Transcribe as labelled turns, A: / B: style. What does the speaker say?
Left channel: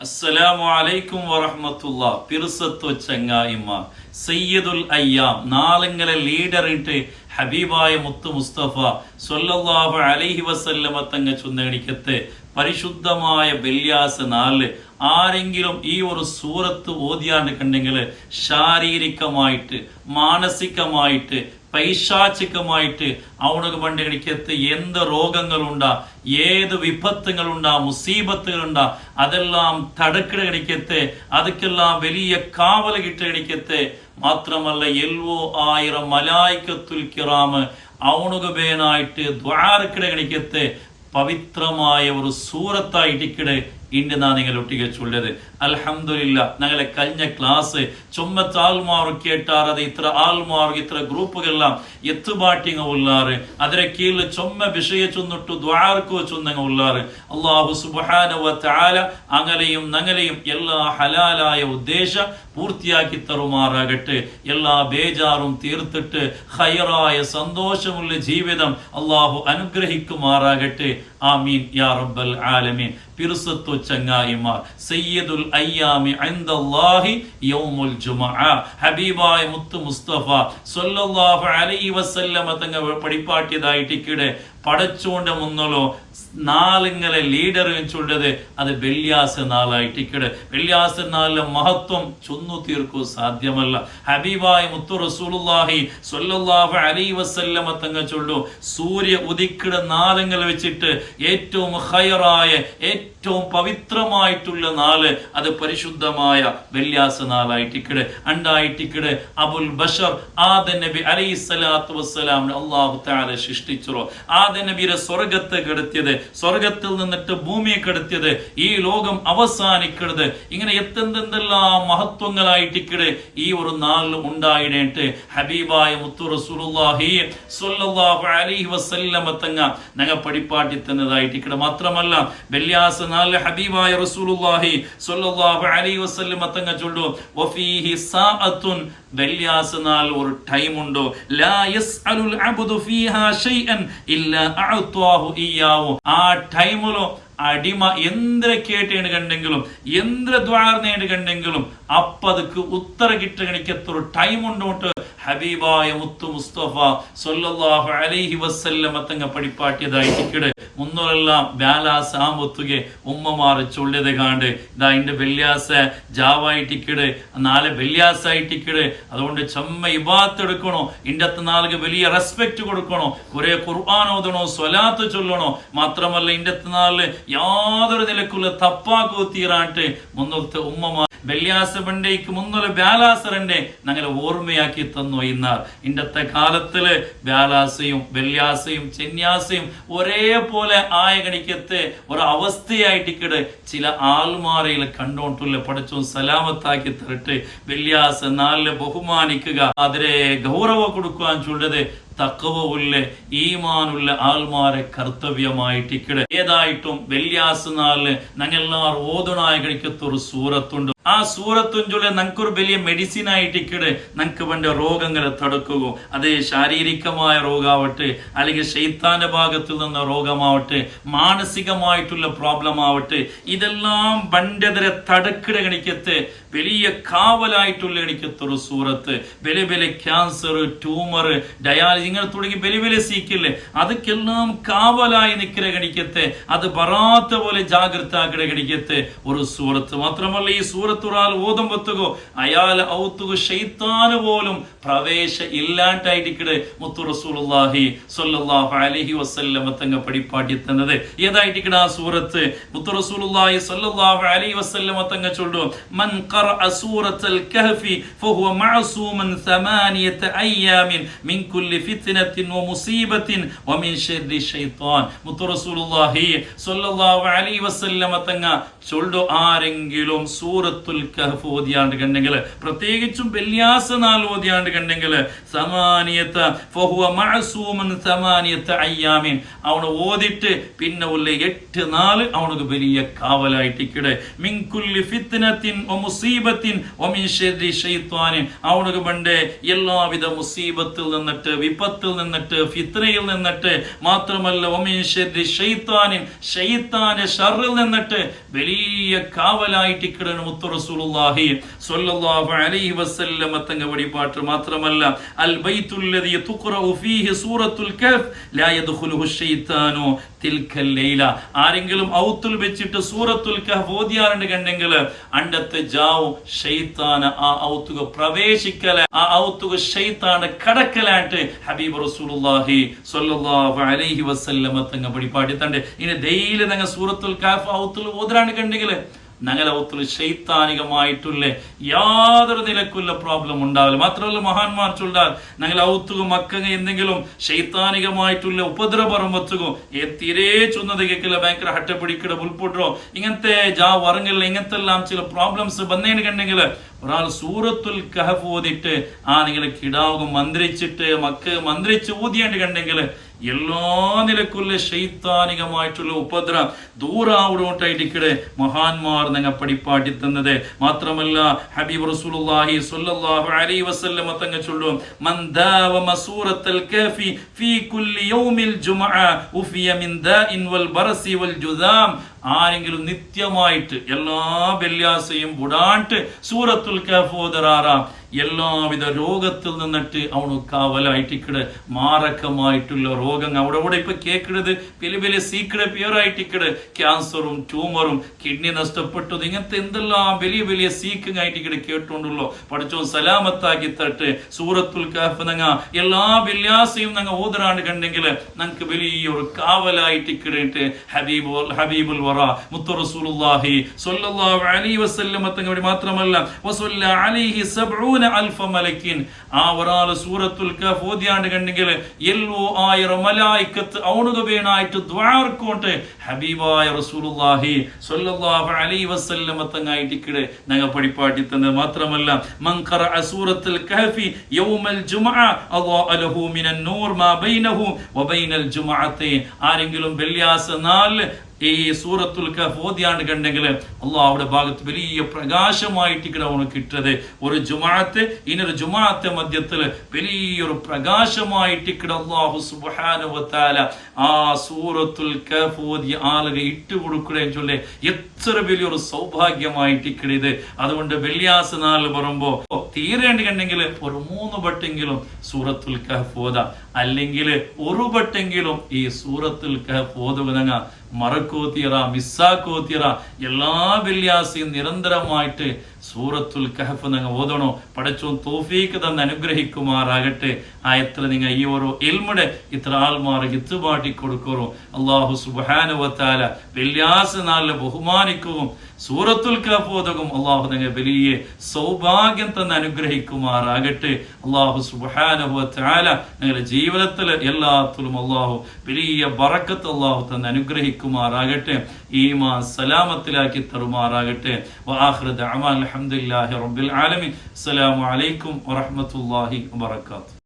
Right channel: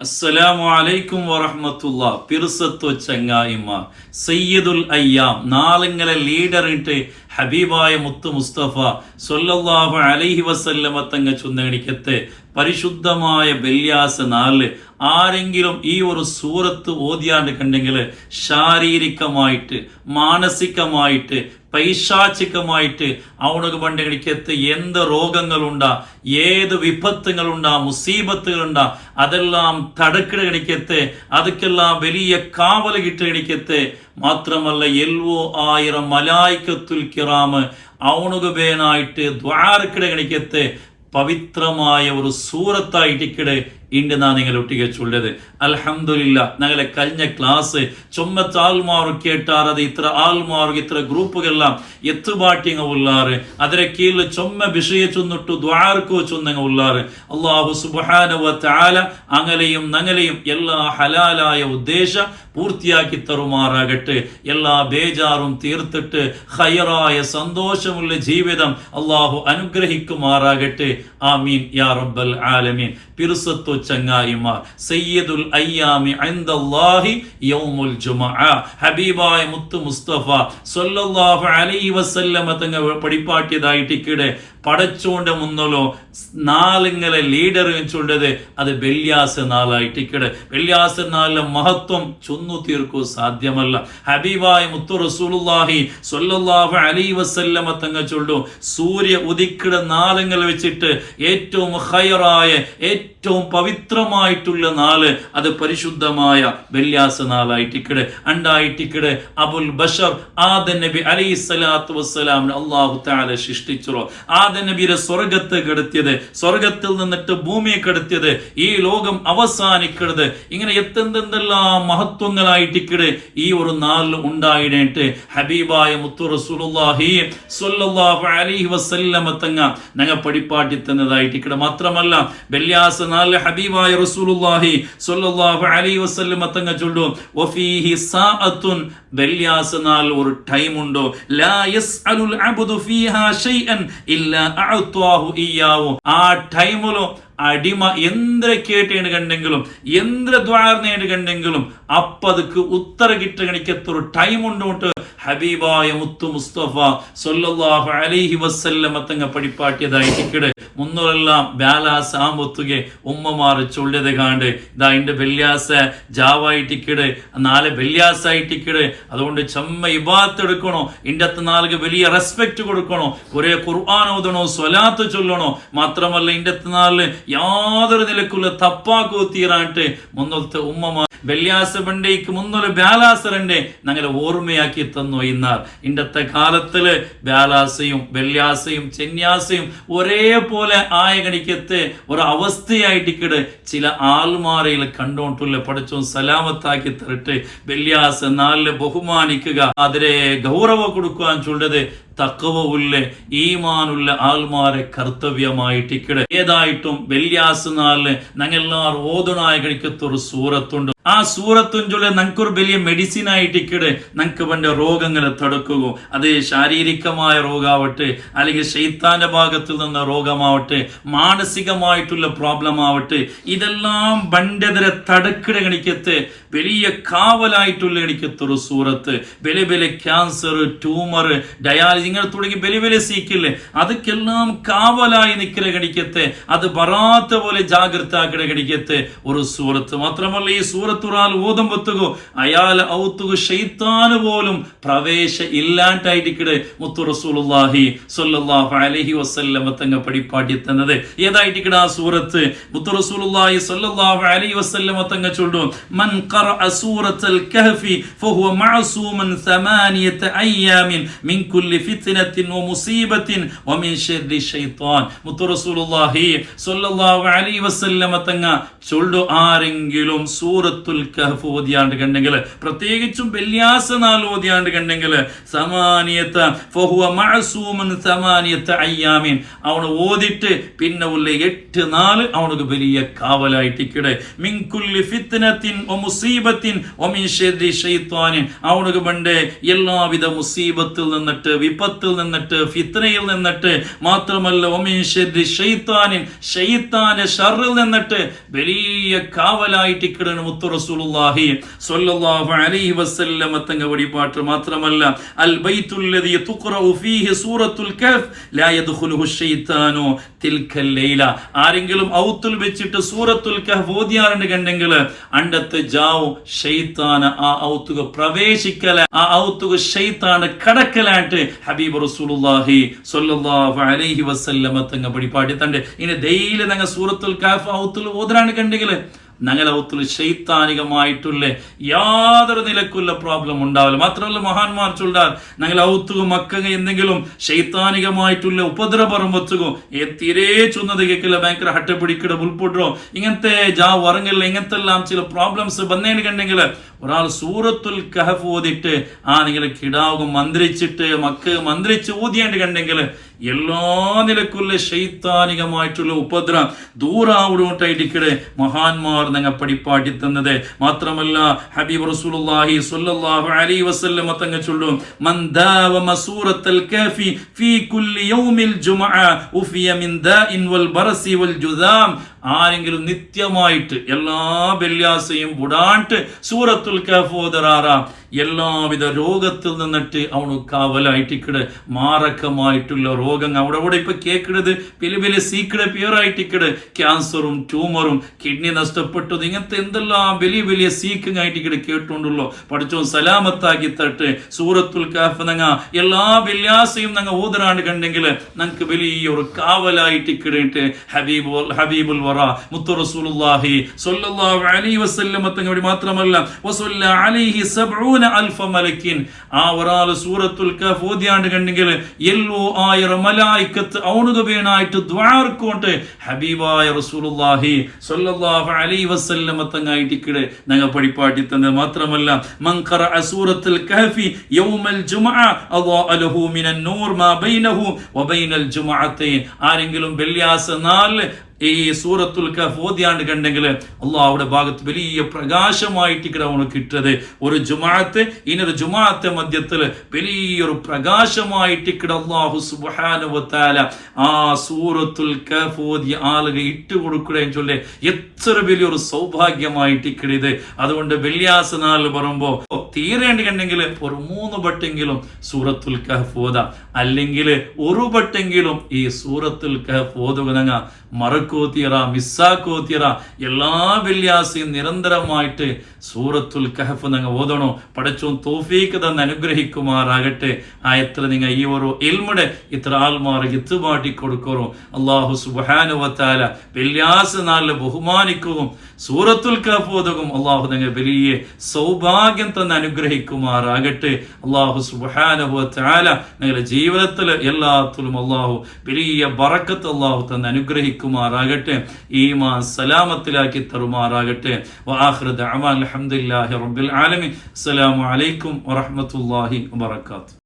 A: അസ്സലാമു അലൈക്കും വറഹ്മത്തുള്ള. പിർസത്തു ചങ്ങായിമാർ. സയ്യിദുൽ അയ്യാം. നാളിങ്ങളെ ലീഡറിട്ട് ഹബീബായ മുത്തു മുസ്തഫ സൊല്ലാഹു അലൈഹി വസല്ലമ തങ്ങ പരിശുദ്ധമായ ബല്യാസ നാല് ആരെങ്കിലും ഈ ഒരു സൂറത്ത് ഓതിയാണ്ട് കണ്ടെങ്കിൽ ശാരീരികമായിട്ട് മാനസികമായിട്ട് പൈശാചികമായിട്ട് അവനക്ക് പണ്ട് എനിക്കെത്ത് എന്ത് രോഗങ്ങളുണ്ടാ ഏത് വിപത്തുകളുണ്ടാ മുസീബത്തുകളുണ്ടാ അതെല്ലാം തടുക്കിട കിടക്കത്തെ അതുക്കെല്ലാം വലിയ കാവൽ കിട്ട കിടക്കത്തെ മാത്രമല്ല എൽവോ ആയിരം മലായിക്കത്തുൽ കിറാമ് അവനുക്ക് പേനായിട്ട് ദ്വാരക്കിട കിടക്കത്തെ പവിത്രമായ ഒരു സൂറത്തായിട്ട് സൂറത്തായിട്ടിക്കിടെ ഇണ്ട് നാ നിങ്ങൾ ഒട്ടികച്ചുള്ളത് അലഹമില്ല ഞങ്ങളെ കഴിഞ്ഞ ക്ലാസ് ചൊമ്മത്ത് ആൾമാർ കേട്ടാറത് ഇത്ര ആൾമാർ ഇത്ര ഗ്രൂപ്പുകളെല്ലാം എത്തുപാട്ടിങ്ങ ഉള്ളാറ്. അതിരെ കീഴിൽ ചൊമ്മ ചൊന്നിട്ട് ദ്വാർക്കോ ചൊന്നങ്ങ ഉള്ളാറ്. അള്ളാഹു സുബാനവ താല അങ്ങലെയും നങ്ങലെയും എല്ലാ ഹലാലായ ഉദ്ദേശ പൂർത്തിയാക്കി തരുമാറാകട്ടെ. എല്ലാ ബേജാറും തീർത്തിട്ട് ഹയറായ സന്തോഷമുള്ള ജീവിതം അള്ളാഹു അനുഗ്രഹിക്കുമാറാകട്ടെ. ആമീൻ യാ റബ്ബൽ ആലമീൻ. പിറുസത്തു ചങ്ങായിമാർ. സയ്യിദുൽ അയ്യാമി അൻദല്ലാഹി യൗമുൽ ജുമഅ ഹബീബായ മുത്തു മുസ്തഫ. സല്ലല്ലാഹു അലൈഹി വസല്ലമ തങ്ങൾ പഠിപ്പാക്കിയതായിട്ട് ഇക്കിടെ പടച്ചോണ്ട് മുന്നലോ നാളിങ്ങളെ ലീഡർ ചൊല്ലത് അത് വെള്ളിയാസ നാളായിട്ട് ഇക്കിടെ വെള്ളിയാസ നാളിലെ മഹത്വം ചൊന്നു തീർക്കൂ സാധ്യമല്ല. ഹബീബായ മുത്തു റസൂലുല്ലാഹി സ്വല്ലല്ലാഹു അലൈഹി വസല്ലമ തങ്ങൾ ചൊല്ലു. സൂര്യ ഉദിക്കിട നാളങ്ങൾ വെച്ചിട്ട് ഏറ്റവും ഹയറായ ഏറ്റവും പവിത്രമായിട്ടുള്ള നാൾ അത് പരിശുദ്ധമായ വെള്ളിയാസ അണ്ടായി അണ്ടായിട്ടിക്കടെ അബുൽ ബഷർ ആദ നബി അലൈഹി സ്വലാത്തു വസ്സലാമിന് അള്ളാഹു താല സൃഷ്ടിച്ചോ ആദ നബിയുടെ സ്വർഗത്ത് കെടുത്തിയത് സ്വർഗത്തിൽ നിന്നിട്ട് ഭൂമിയെ കെടുത്തിയത് ഈ ലോകം അവസാനിക്കരുത് ഇങ്ങനെ എത്തെന്തെന്തെല്ലാം മഹത്വങ്ങളായിട്ടിക്കടെ ഈ ഒരു നാളിൽ ഉണ്ടായിട്ട് ഹബീബായ മുത്തു റസൂലുള്ളാഹി സ്വല്ലല്ലാഹു അലൈഹി വസല്ലമ തങ്ങ ഞങ്ങൾ പഠിപ്പാട്ടി തന്നതായിട്ടിക്കടെ. മാത്രമല്ല വെള്ളിയാസ നാളിൽ ഹബീബായ റസൂലുള്ളാഹി സ്വല്ലല്ലാഹു അലൈഹി വസല്ലമ തങ്ങ ചൊല്ലു വഫീഹി സാഅത്തുൻ ഷൈഅൻ ഇല്ലാ അഅത്വാഹു ഇയ്യാഹു ആ ടൈമിലോ അടിമ എന്ത്ര കേട്ടേണ് കണ്ടെങ്കിലും എന്ത്ര ദ്വാർന്നേണ് அப்பதுக்கு உத்தரகிட்டு கிடைக்கிறது ஒரு டைம் உண்டு ഹബീബായ മുത്തു മുസ്തഫ സൊല്ലാഹു അലൈഹി വസ്ല്ലമ തങ്ങ പടിപ്പാട്ടിയതായി ഇക്കട്. മുന്നോരെല്ലാം ബാലാസ് ആ മുത്തുകെ ഉമ്മമാർ ചൊല്ലിയത് കാണ്ട്. ഇതാ എന്റെ വെള്ളിയാസ ജാവായിട്ടിക്കട് നാളെ വെള്ളിയാസായിട്ടിക്കട് അതുകൊണ്ട് ചെമ്മ ഇബാത്ത് എടുക്കണോ? ഇന്റത്ത് നാളുക്ക് വലിയ റെസ്പെക്റ്റ് കൊടുക്കണോ? കുറേ ഖുർആൻ ഓതണോ? സ്വലാത്ത് ചൊല്ലണോ? മാത്രമല്ല ഇന്റത്ത് നാളിൽ യാതൊരു നിലക്കുള്ള തപ്പാക്കോ തീരാട്ട് മുന്നോത്തെ ഉമ്മമാർ വെള്ളിയാസ ബണ്ടേക്ക് മുന്നൊരു ബാലാസറിന്റെ ഞങ്ങളെ ഓർമ്മയാക്കി തന്നു ഇന്നാർ ഇന്നത്തെ കാലത്തിൽ ബാലാസയും വെള്ളിയാസയും ചെന്യാസയും ഒരേപോലെ ആയ കണിക്കത്ത് ഒരു അവസ്ഥയായിട്ടിക്കട് ചില ആൾമാരയിൽ കണ്ടോണ്ടുള്ള പഠിച്ചും സലാമത്താക്കി തരട്ട് വെള്ളിയാസ നാല് ബഹുമാനിക്കുക. അതിരെ ഗൗരവ കൊടുക്കുവാൻ ചൊല്ലത് തക്കവുള്ള ഈമാനുള്ള ആൾമാരെ കർത്തവ്യമായിട്ട് ഇക്കടെ ഏതായിട്ടും വെള്ളിയാസ് നാളിൽ ഞങ്ങൾ ഓതുണായ കഴിക്കത്തൊരു സൂറത്തുണ്ട്. ആ സൂറത്തും ചൊല്ലി നമുക്ക് ഒരു വലിയ മെഡിസിൻ ആയിട്ട് ഇക്കടെ നമുക്ക് വേണ്ട രോഗങ്ങളെ തടുക്കുക അത് ശാരീരികമായ രോഗാവട്ടെ അല്ലെങ്കിൽ ശൈത്താന്റെ ഭാഗത്തിൽ നിന്ന് രോഗമാവട്ടെ മാനസികമായിട്ടുള്ള പ്രോബ്ലം ആവട്ടെ ഇതെല്ലാം ബണ്ടെതിരെ തടുക്കിട കണിക്കത്ത് വലിയ കാവലായിട്ടുള്ള കണിക്കത്തൊരു സൂറത്ത്. വലിയ വലിയ ക്യാൻസർ ട്യൂമർ ഡയാലിസ് ഇങ്ങനെ തുടങ്ങി വലിയ വലിയ സീക്കില്ലേ അതൊക്കെല്ലാം കാവലായി നിൽക്കുന്ന കണിക്കത്തെ അത് ബറാത്ത പോലെ ജാഗ്രത ആക്കിട കണിക്കത്തെ ഒരു സൂറത്ത്. മാത്രമല്ല ഈ സൂറത്ത് ഒരാൾ ഓതം വെത്തുകോ അയാൾ ഔത്തുക ഷെയ്ത്താന് പോലും പ്രവേശ ഇല്ലാണ്ടായിട്ടിക്കടെ മുത്തു റസൂലുള്ളാഹി സ്വല്ലല്ലാഹു അലൈഹി വസല്ലമ തങ്ങ പഠിപ്പാട്ടി തന്നത് ഏതായിട്ടിക്കട ആ സൂറത്ത് മുത്തു റസൂലുള്ളാഹി സ്വല്ലല്ലാഹു അലൈഹി വസല്ലമ തങ്ങ ചൊല്ലു മൻ ഖറഅ സൂറത്തൽ കഹ്ഫി ഫഹുവ മഅസൂമൻ ثمانية أيام من كل فتنة ومصيبة ومن شر الشيطان മുത്തു റസൂലുള്ളാഹി സ്വല്ലല്ലാഹു അലൈഹി വസല്ലമ തങ്ങ ചൊല്ലു ആരെങ്കിലും സൂറത്ത് സൂറത്തുൽ കഹഫ് ഓതിയാണ്ട് കണ്ടെങ്കിൽ പ്രത്യേകിച്ചും വെള്ളിയാസ നാൾ ഓതിയാണ്ട് കണ്ടെങ്കിൽ സമാനിയത്ത് ഫഹുവ മഅസൂമൻ സമാനിയത്ത് അയ്യാമിൻ. അവന് ഓതിട്ട് പിന്നെ ഉള്ള എട്ട് നാൾ അവനക്ക് വലിയ കാവലായിട്ടിക്കടെ മിൻകുല്ലി ഫിത്നത്തിൻ ഒ മുസീബത്തിൻ ഒമിൻ ഷെറി ഷെയ്ത്താനിൻ. അവനക്ക് പണ്ട് എല്ലാവിധ മുസീബത്തിൽ നിന്നിട്ട് വിപത്തിൽ നിന്നിട്ട് ഫിത്നയിൽ നിന്നിട്ട് മാത്രമല്ല ഒമിൻ ഷെറി ഷെയ്ത്താനിൻ. ഷെയ്ത്താന്റെ ഷറിൽ നിന്നിട്ട് വലിയ കാവലായിട്ട് ഇക്കിടണ് മുത്തു റസൂലുള്ളാഹി സ്വല്ലല്ലാഹു അലൈഹി വസല്ലമ തങ്ങ വഴിപാട്ട് മാത്രമല്ല അൽ ബൈത്തുല്ലദി തുഖറഉ ഫീഹി സൂറത്തുൽ കഹ്ഫ് ലാ യദ്ഖുലുഹു ഷൈത്താനു തിൽക്കൽ ലൈല. ആരെങ്കിലും ഔത്തുൽ വെച്ചിട്ട് സൂറത്തുൽ കഹ്ഫ് ഓതിയാറുണ്ട് കണ്ടെങ്കിൽ അണ്ടത്തെ ജാവു ഷെയ്ത്താന ആ ഔത്തുക പ്രവേശിക്കല ആ ഔത്തുക ഷെയ്ത്താന കടക്കലായിട്ട് ഹബീബ് റസൂലുള്ളാഹി സ്വല്ലല്ലാഹു അലൈഹി വസല്ലമ തങ്ങ വഴിപാട്ടി തണ്ട്. ഇനി ഡെയിലി നങ്ങ സൂറത്തുൽ കഹ്ഫ് ഔത്തുൽ ഓതിരാണ് കണ്ടെങ്കിൽ ഞങ്ങളെ ശൈത്താനികമായിട്ടുള്ള യാതൊരു നിലക്കുള്ള പ്രോബ്ലം ഉണ്ടാവില്ല. മാത്രമല്ല മഹാന്മാർ ചൊല്ലാൽ നഗലൗത്തുക മക്ക എന്തെങ്കിലും ശൈത്താനികമായിട്ടുള്ള ഉപദ്രവം വെച്ചുകോ തീരെ ചൊന്നത് കേൾക്കില്ല ഭയങ്കര ഹട്ട പിടിക്കട ഉൾപ്പെട്ടോ ഇങ്ങനത്തെ ജാ വറങ്ങൽ ഇങ്ങനത്തെ എല്ലാം ചില പ്രോബ്ലംസ് വന്നേന് കണ്ടെങ്കിൽ ഒരാൾ സൂറത്തുൽ കഹഫ് ഓതിട്ട് ആ നിങ്ങൾ കിടാവും മന്ത്രിച്ചിട്ട് മക്ക മന്ത്രിച്ച് ഊതിയാണ്ട് കണ്ടെങ്കിൽ എല്ലാ നിലക്കുള്ള ശൈത്താനികമായിട്ടുള്ള ഉപദ്രം ദൂരാവിടോട്ടായിട്ടിക്കടെ മഹാന്മാർ നിങ്ങൾ പഠിപ്പാട്ടി തന്നത്. മാത്രമല്ല ഹബീബ് റസൂലുള്ളാഹി സ്വല്ലല്ലാഹു അലൈഹി വസല്ലം തങ്ങ ചൊല്ലും മൻ ദാവ സൂറത്തുൽ കാഫി ഫീ കുല്ലി യൗമിൽ ജുമഅ ഉഫിയ മിൻ ദാഇൻ വൽ ബറസി വൽ ജുദാം. ആരെങ്കിലും നിത്യമായിട്ട് എല്ലാ വെള്ളിയാസയും ബുടാണ്ട് സൂറത്തുൽ കഫോദറാറാം എല്ലാവിധ രോഗത്തിൽ നിന്നിട്ട് കാവലായിട്ട് കാവലായിട്ടിക്കട് മാരകമായിട്ടുള്ള രോഗം അവിടെ അവിടെ ഇപ്പൊ കേൾക്കുന്നത് വലിയ വലിയ സീക്കട് പിയറായിട്ടിക്കട് ക്യാൻസറും ട്യൂമറും കിഡ്നി നഷ്ടപ്പെട്ടത് ഇങ്ങനത്തെ എന്തെല്ലാം വലിയ വലിയ സീക്കിങ് ആയിട്ടിക്കട് കേട്ടുകൊണ്ടുള്ളോ പഠിച്ചോ സലാമത്താക്കി തട്ട് സൂറത്തുൽ കാഫ് നങ്ങ എല്ലാ വെള്ളിയാസയും നങ്ങ ഓതറാണ് കണ്ടെങ്കിൽ ഞങ്ങൾക്ക് വലിയൊരു കാവലായിട്ടിക്കിടയിട്ട് ഹബീബ് ഹബീബുൽ വറ മുത്തു റസൂലുള്ളാഹി സ്വല്ലല്ലാഹു അലൈഹി വസല്ലം തങ്ങളുടെ മാത്രമല്ല വസല്ല അലൈഹി സബ്ഊന അൽഫ മലക്കിൻ. ആ ഒരാൾ സൂറത്തുൽ കഹഫ് ഓതിയാണ്ട് കണ്ടെങ്കിൽ എല്ലോ ആയിരം മലായിക്കത്ത് അവനുക വേണായിട്ട് ദ്വാർക്കൊണ്ട് ഹബീബായ റസൂലുള്ളാഹി സ്വല്ലല്ലാഹു അലൈഹി വസല്ലം തങ്ങായിട്ടിക്കിട് ഞങ്ങൾ പഠിപ്പാട്ടി തന്നത് മാത്രമല്ല ഖറഅ സൂറത്തുൽ കഹഫി യൗമൽ ജുമഅ അല്ലാഹു ലഹു മിനൻ നൂർ മാ ബൈനഹു വബൈനൽ ജുമഅത്തൈൻ ആരെങ്കിലും വെള്ളിയാഴ്ച നാല് ഈ സൂറത്തുൽ കഫ് ഓതിയാണ്ട് കണ്ടെങ്കിൽ അള്ളാഹുടെ ഭാഗത്ത് വലിയ പ്രകാശമായിട്ട് ഇവിടെ അവന് കിട്ടത്. ഒരു ജുമാഅത്ത് ഇനൊരു ജുമാഅത്തെ മധ്യത്തിൽ വലിയൊരു പ്രകാശമായിട്ട് ഇവിടെ അള്ളാഹു സുബാനുവത്താല ആ സൂറത്തുൽ കഫ് ഓതി ആളുകൾ ഇട്ട് കൊടുക്കുകയും ചൊല്ലേ എത്ര വലിയൊരു സൗഭാഗ്യമായിട്ട് ഇവിടെ ഇത്. അതുകൊണ്ട് വെള്ളിയാസ നാൾ പറയുമ്പോ തീരേണ്ടി കണ്ടെങ്കിൽ ഒരു മൂന്ന് വട്ടെങ്കിലും സൂറത്തുൽ കഫ് ഓത. അല്ലെങ്കിൽ ഒരു വട്ടെങ്കിലും ഈ സൂറത്തിൽ കഹഫ് മറക്കോത്തിയറ മിസ്സാക്കോത്തിയറ എല്ലാ വെള്ളിയാസയും നിരന്തരമായിട്ട് സൂറത്തുൽ കഹഫ് നിങ്ങൾ ഓതണോ? പടച്ചോ തോഫീക്ക് തന്നെ അനുഗ്രഹിക്കുമാറാകട്ടെ. ആ എത്ര നിങ്ങൾ ഈ ഓരോ എൽമുടെ ഇത്ര ആൾമാർ ഇത്തുപാട്ടി കൊടുക്കറോ? അള്ളാഹു സുബാനുവത്താല വെള്ളിയാസ നാളിലെ ബഹുമാനിക്കവും സൂറത്തുൽ കഹഫ് ഓതകും. അള്ളാഹു നിങ്ങൾ വലിയ സൗഭാഗ്യം തന്നെ അനുഗ്രഹിക്കുമാറാകട്ടെ. അള്ളാഹു സുബാനുവത്താല നിങ്ങളുടെ ജീവിതത്തിൽ എല്ലാത്തിലും അള്ളാഹു വലിയ ബറക്കത്ത് അള്ളാഹു തന്നെ അനുഗ്രഹിക്കുമാറാകട്ടെ. ഈമാ സലാമത്തിലാക്കി തരുമാറാകട്ടെ. വാഹൃദ് അമാൻ അലഹമുല്ലാഹി റബ്ബിൽ ആലമി അസ്സലാമു അലൈക്കും വറഹ്മത്തുള്ളാഹി വബറകാതുഹു.